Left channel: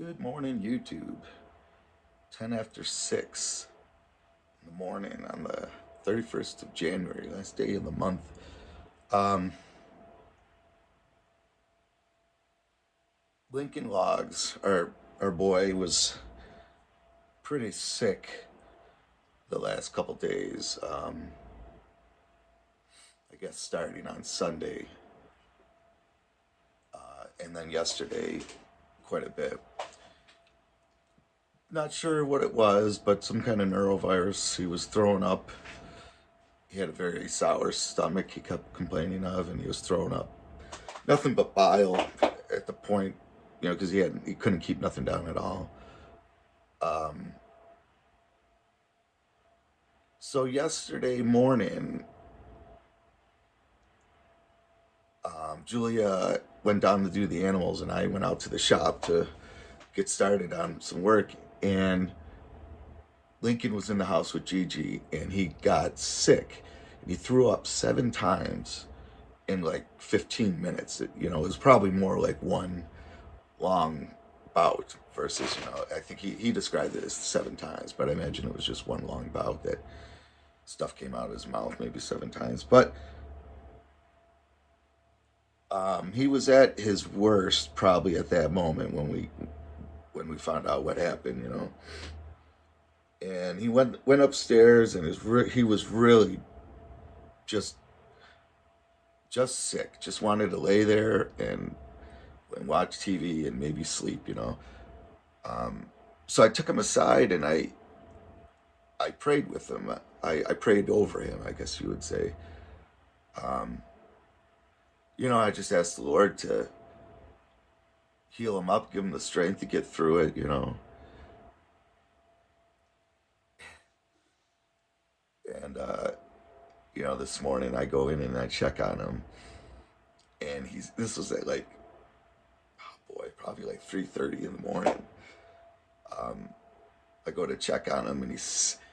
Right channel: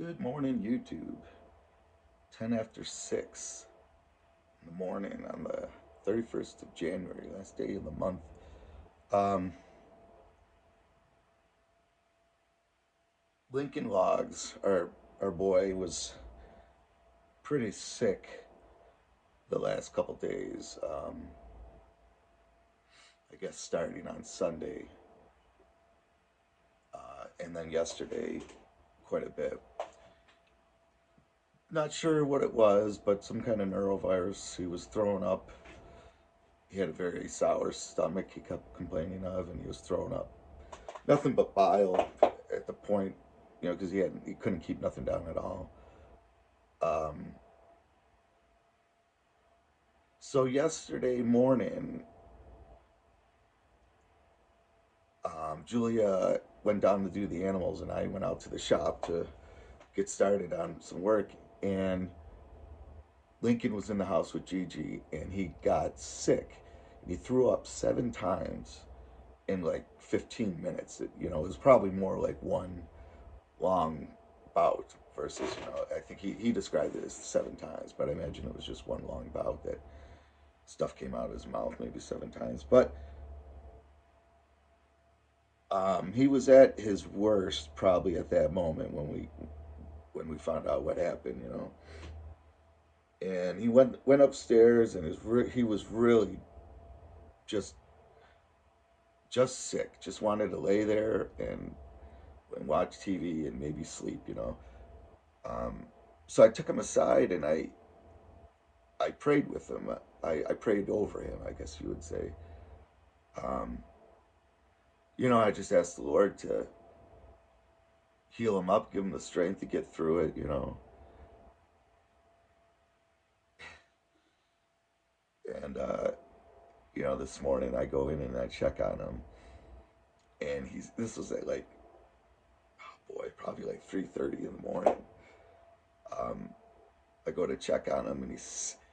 Good morning, YouTube. 10 after 6 in the morning on the 31st of January, last day of the month. Um, Lincoln Logs, our boy, was pretty sick the last couple days. I guess starting on Sunday, and then yesterday, quite a bit. Not sure what it was, but some kind of neurovirus. He was throwing up. He had a very sour stomach, he kept complaining of, and he was throwing up nothing but bile at the point, because he couldn't keep nothing down at all. Um, so yesterday morning, Julia went down to do the animals, and I went out to the shop to get started on some work. And Lincoln was in the house with Gigi, and he got sick. And he threw up 7 times in like 15 minutes. It was probably more like one long bout versus, I think he described it as 7 times, but I imagine it was just one long bout that stuff came out of his mouth maybe 7 times. But he was at his worst probably at that moment when we found out what happened. And he went upstairs, and he was really just sick, just wanted to lay there and watch TV and maybe sleep. Um, so I took him aside, and I prayed with him. I prayed over him, I guess you would say. Um, I just asked the Lord to heal him up, give him the strength to get through it. And, this morning I go in and I check on him. And this was at like, oh boy, probably like 3:30 in the morning. Um, I go to check on him, and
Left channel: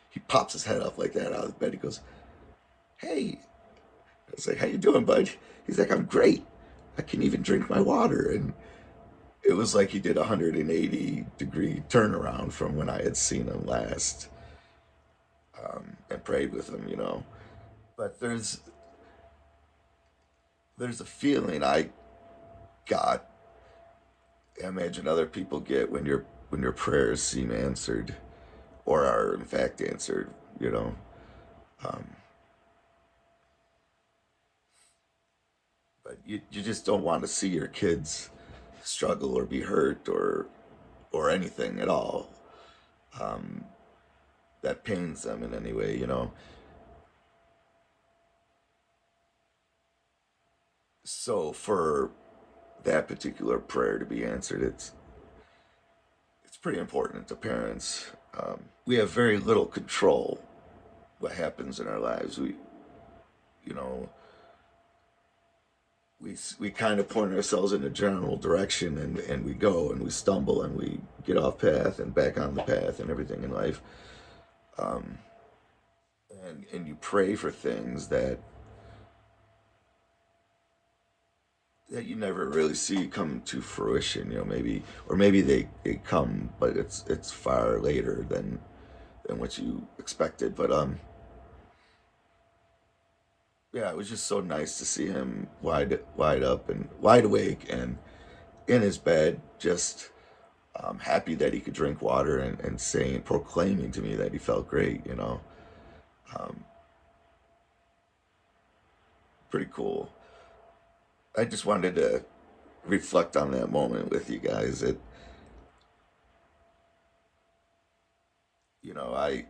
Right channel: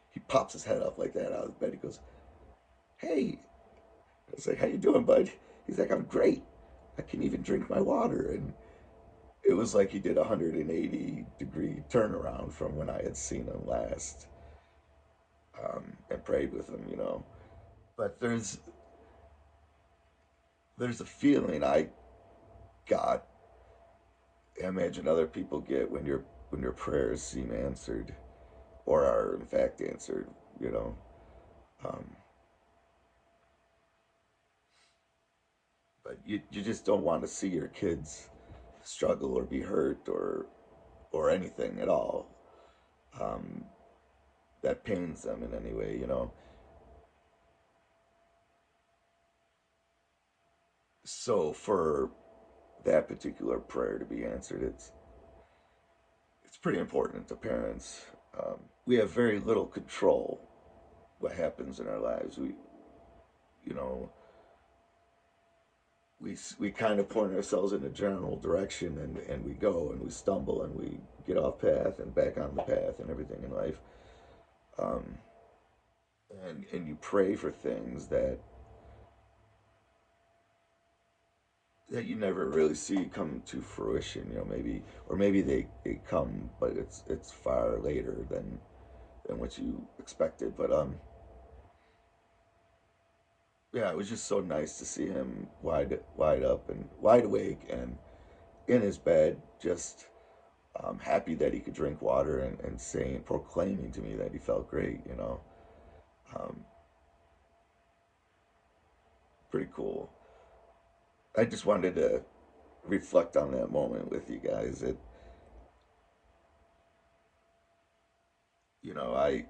he pops his head up like that out of bed. He goes, "Hey." I was like, "How you doing, bud?" He's like, "I'm great. I can even drink my water." And it was like he did a 180-degree turnaround from when I had seen him last, and prayed with him. But there's a feeling I got. I imagine other people get when your prayers seem answered, or are in fact answered. You know, um, but you just don't want to see your kids struggle or be hurt or anything at all. Um, that pains them in any way. So for that particular prayer to be answered, it's pretty important to parents. We have very little control what happens in our lives. You know, we kind of point ourselves in a general direction, and we go and we stumble and we get off path and back on the path and everything in life. Um, and you pray for things that you never really see come to fruition. Maybe they come, but it's far later than what you expected. But yeah, it was just so nice to see him wide up and wide awake and in his bed, just happy that he could drink water and saying, proclaiming to me that he felt great. Um, Pretty cool. I just wanted to reflect on that moment with you guys. I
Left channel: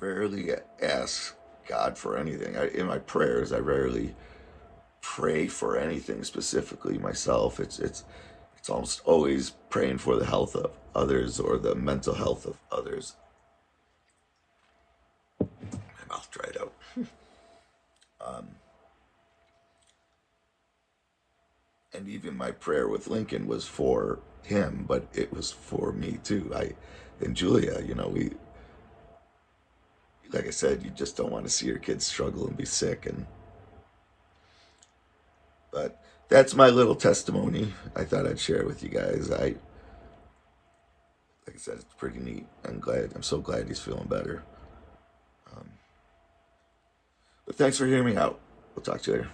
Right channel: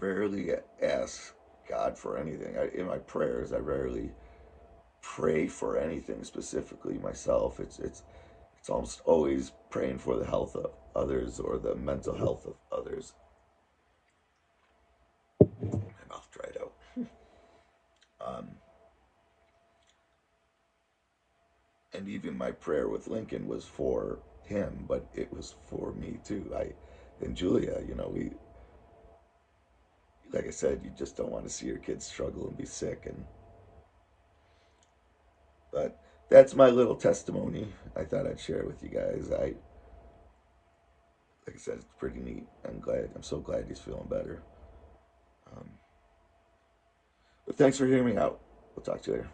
rarely ask God for anything. In my prayers, I rarely pray for anything specifically myself. It's almost always praying for the health of others or the mental health of others. My mouth dried out. Um, and even my prayer with Lincoln was for him, but it was for me too. And Julia, we, like I said, you just don't want to see your kids struggle and be sick. But that's my little testimony. I thought I'd share it with you guys. Like I said, it's pretty neat. I'm so glad he's feeling better. Um, but thanks for hearing me out. We'll talk to you later.